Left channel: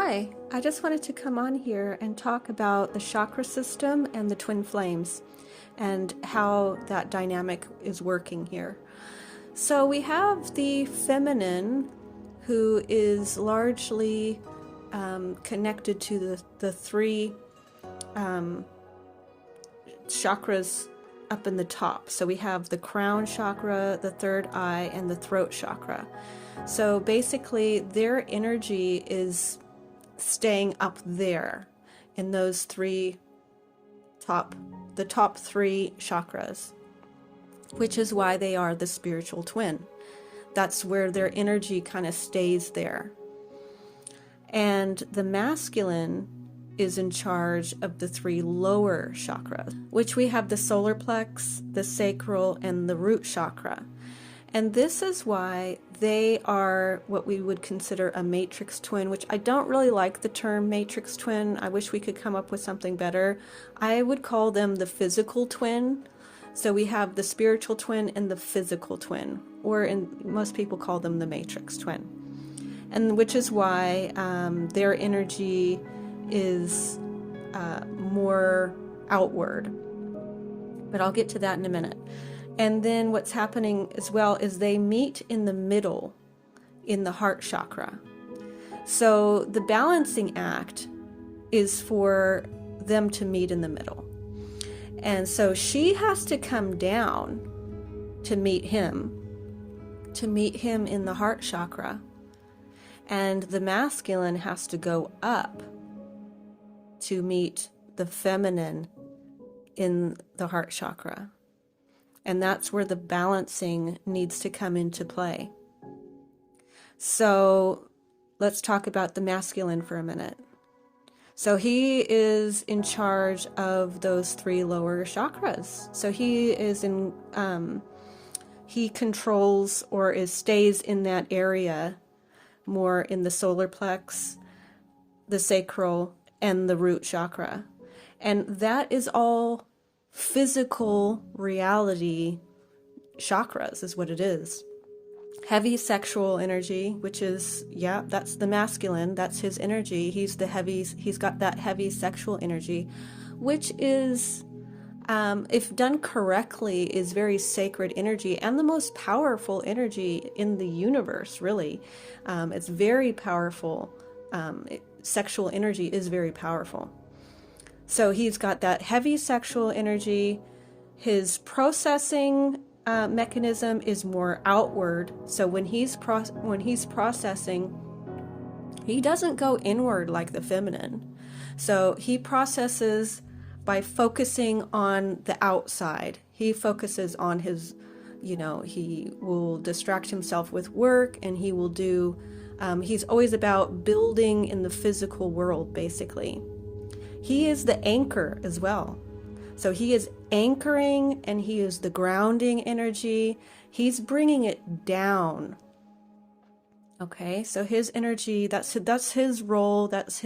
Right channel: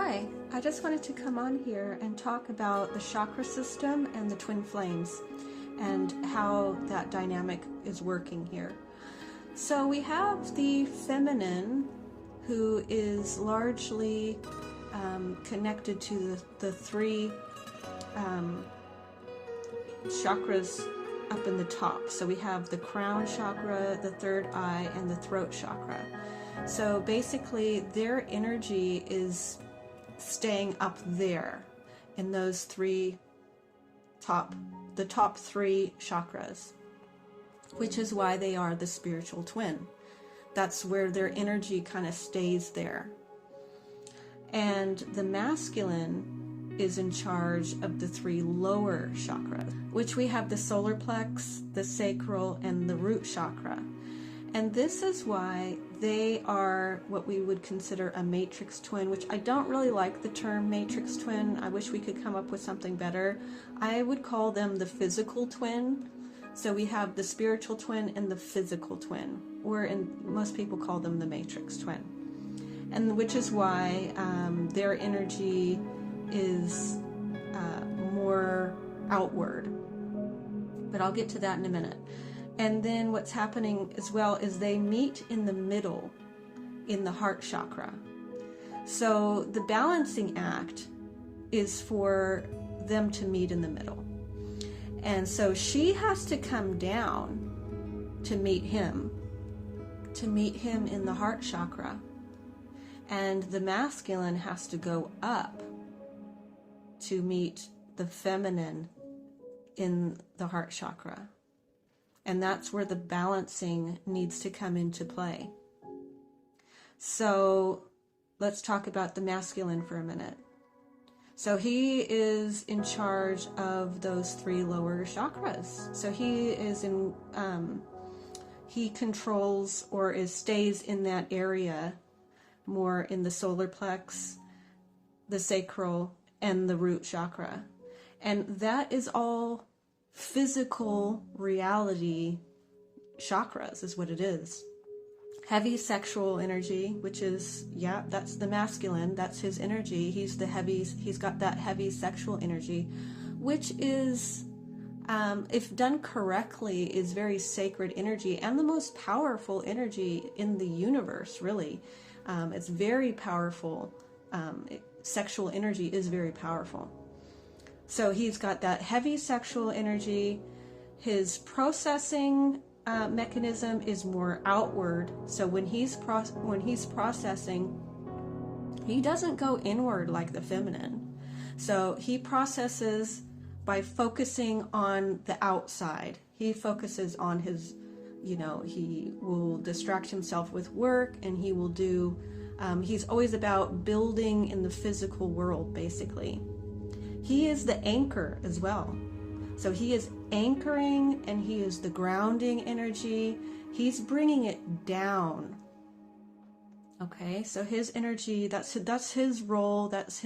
Hi, I just wanted to come on here and talk about the chakra system and the twin flames and how that dynamic is working here. So we have the feminine, who is largely connected to the three chakras up in the top. So we have the crown chakra, the third eye, and the throat chakra. So basically their energy is staying up there in those the top three chakras, which is why they are the spiritual twin. That's where their energy kind of stays there. And the masculine is in charge of the three lower chakras, which we have the solar plex, the sacral, and the root chakra. And this is why they are what we would consider a matrix twin, which I don't really like the term matrix twin. I wish we could come up with something better. I would call them the physical twin. So we have the spiritual twin and the physical twin, or most people call them the matrix twin. And which is why their energy is more outward. But I'll get to that in a minute. And then what's happening as well is they meet in the middle in the heart chakra. So the balancing act is for them to meet in the middle. And so she has to come down to meet him in the heart chakra. And the masculine has to go up to meet the feminine in the heart chakra. And that's where the balancing needs to come into play. So let's talk about the masculine for a minute. So he is in charge of those three lower chakras. So he is he controls or stays in that area more in the solar plex, the sacral, and the root chakra. And that is all physical reality chakras is what it is. Heavy sexual energy, which is, that's the masculine, that's his energy. He's got that heavy sexual energy, which is, if done correctly, is very sacred energy and the most powerful energy in the universe, really. It's very powerful. Sexual energy is very powerful. So he's got that heavy sexual energy. His processing mechanism is more outward. So when he's processing, he doesn't go inward like the feminine. So he processes by focusing on the outside. He focuses on his, he will distract himself with work, and he will do, he's always about building in the physical world, basically. He is the anchor as well. So he is anchoring, and he is the grounding energy. He's bringing it down. Okay, so his energy, that's his role, that's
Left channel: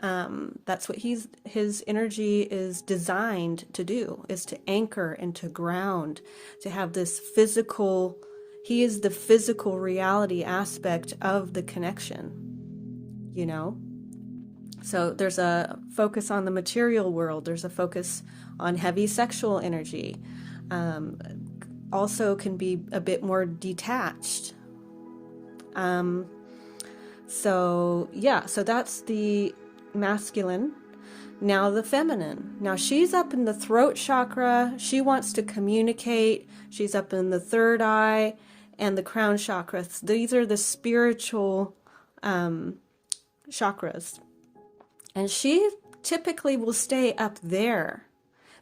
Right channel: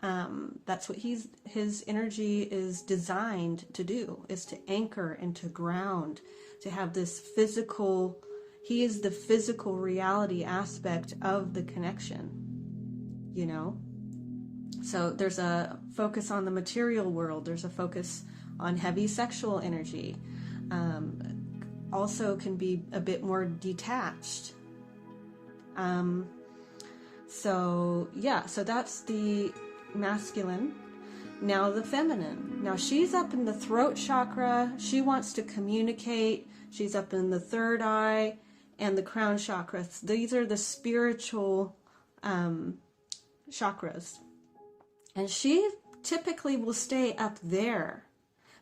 what his energy is designed to do, is to anchor and to ground, to have this physical, he is the physical reality aspect of the connection, So there's a focus on the material world. There's a focus on heavy sexual energy. Also can be a bit more detached. So that's the masculine. Now the feminine. Now she's up in the throat chakra. She wants to communicate. She's up in the third eye and the crown chakra. These are the spiritual chakras. And she typically will stay up there.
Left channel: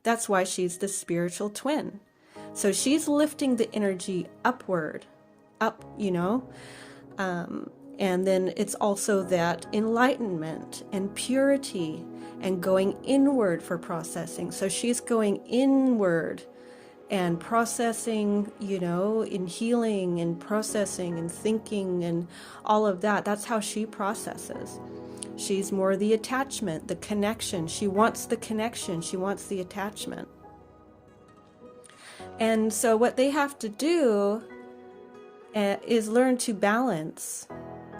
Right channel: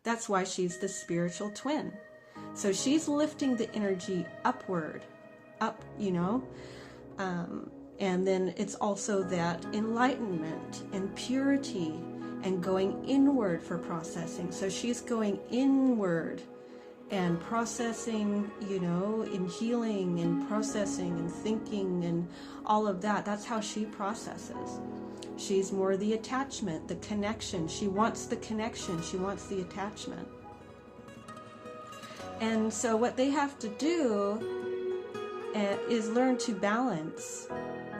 That's why she's the spiritual twin. So she's lifting the energy upward, up, and then it's also that enlightenment and purity and going inward for processing. So she's going inward and processing, in healing and processing and thinking and all of that. That's how she processes. She's more the attachment, the connection. She wants the connection. She wants the attachment. And so what they have to do is learn to balance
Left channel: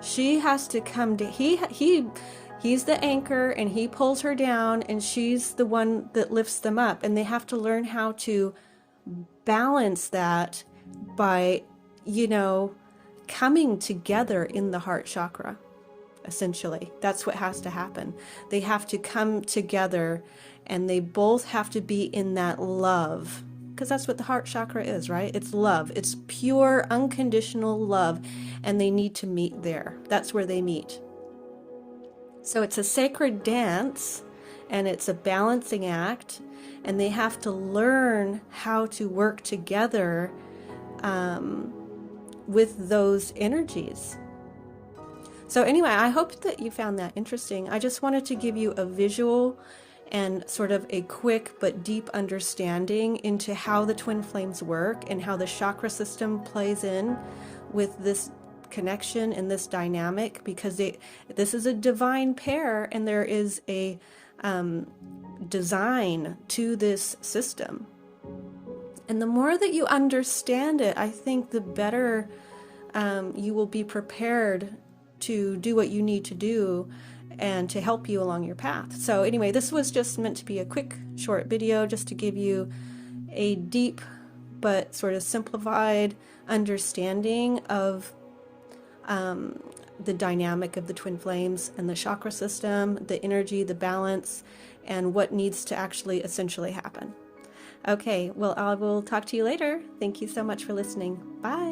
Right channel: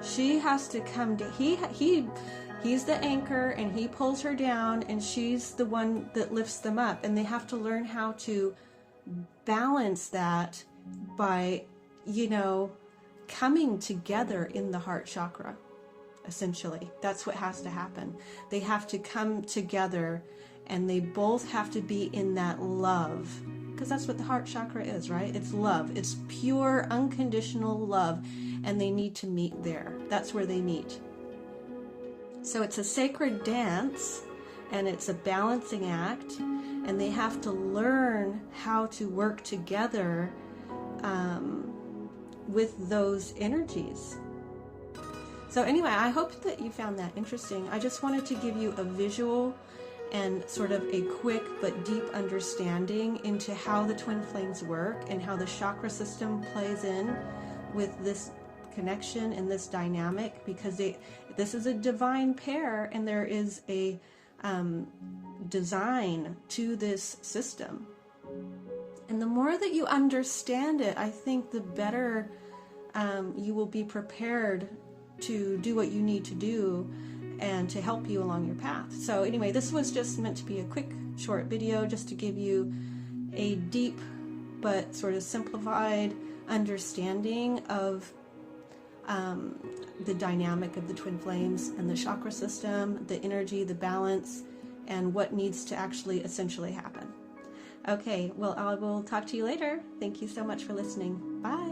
She has to come to, he's the anchor, and he pulls her down, and she's the one that lifts them up. And they have to learn how to balance that by, you know, coming together in the heart chakra. Essentially, that's what has to happen. They have to come together, and they both have to be in that love, because that's what the heart chakra is, right? It's love. It's pure, unconditional love, and they need to meet there. That's where they meet. So it's a sacred dance, and it's a balancing act, and they have to learn how to work together with those energies. So anyway, I hope that you found that interesting. I just wanted to give you a visual and sort of a quick but deep understanding into how the twin flames work and how the chakra system plays in with this connection and this dynamic, because this is a divine pair, and there is a design to this system. And the more that you understand it, I think the better you will be prepared to do what you need to do and to help you along your path. So anyway, this was just meant to be a quick, short video just to give you a deep but sort of simplified understanding of the dynamic of the twin flames and the chakra system, the energy, the balance, and what needs to actually essentially happen. Okay, well, I will talk to you later. Thank you so much for listening. Bye.